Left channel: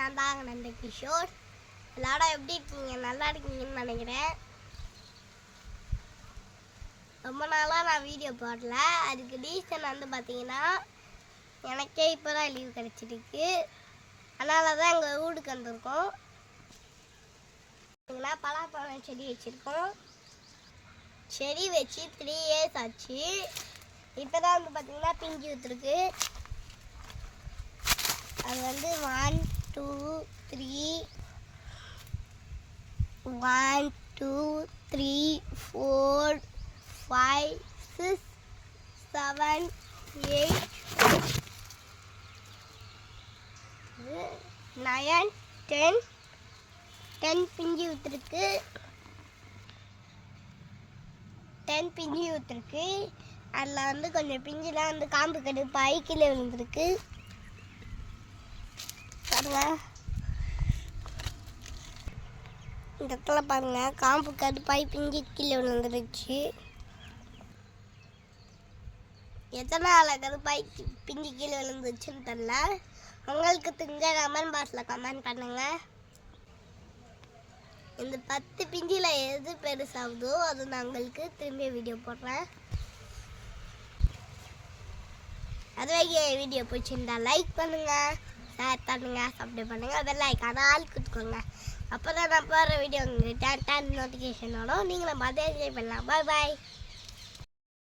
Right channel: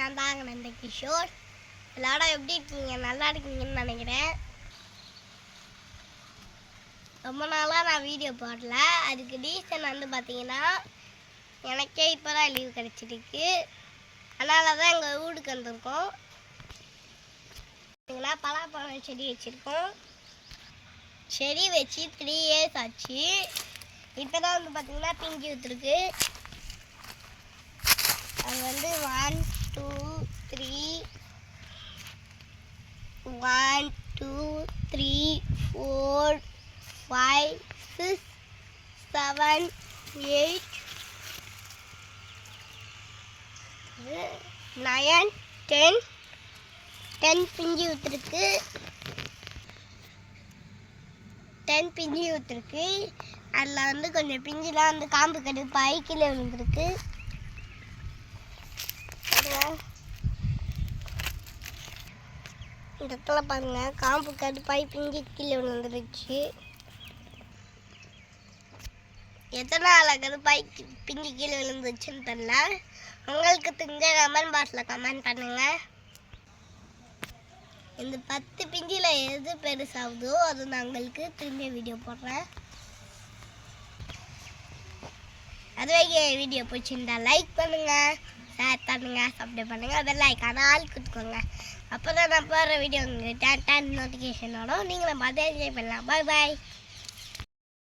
நான் தாங்க நந்த கிஷோர். எல்லாரும் எப்படி இருக்கீங்க? நல்லா இருக்கீங்கன்னு நினைக்கிறேன். ரொம்ப நாளாக நான் வீடியோ போடல. அதுக்கு ரீசன் வந்து பார்த்தீங்கன்னா, எனக்கே இப்போ தான் லீவ் கிடச்சிருக்கு. அதனால தான் எங்கள் வீட்டுக்கு வந்திருக்கோம். பார்த்தீங்கன்னா பலாப்பழம் செடி வச்சுருக்கோம். செடி வச்சு 3 இயர்ஸ் ஆச்சு. இப்போ தான் வந்து பார்த்தீங்கன்னா பிஞ்சு விட்டுருக்கு. அது வந்து 1 2 3 1 2 3 4 5 6 7 8 9 10 பிஞ்சு விட்டுருக்கு. 10 பிஞ்சு விட்டுருக்கு. அதில் வந்து கொஞ்சம் பிஞ்சுலாம் வந்து காம்பு கடுப்பாகி கீழே விழுந்துருக்கு. இந்த இடத்துல பாருங்க, காம்பு கடுப்பாகி பிஞ்சு கீழே விழுந்துருச்சு. எத்தனை நாள் கடுப்பாகி பிஞ்சு கீழே விழுந்துச்சுன்னு தெரியல. உங்களுக்கு தெரிஞ்ச கமெண்ட் பாக்ஸில் கமெண்ட் பண்ணுங்க. இந்த 10 பிஞ்சில் எது பெருசாகுதோ அது நான் உங்களுக்கு திரும்பிய வீடியோ போடுறேன். அதுவே வீடியோ பிடிச்சிருந்தா லைக் பண்ணுங்க, ஷேர் பண்ணுங்க, சப்ஸ்கிரைப் பண்ணுங்க, பெல் ஐக்கான ஆல் கொடுத்துக்கோங்க. அப்போ தான் நான் போடுற வீடியோ உங்களுக்கு டான் நோட்டிஃபிகேஷன் வரும். நீங்களும் பார்த்து என்ஜாய் பண்ணலாம். பாய் பாய்.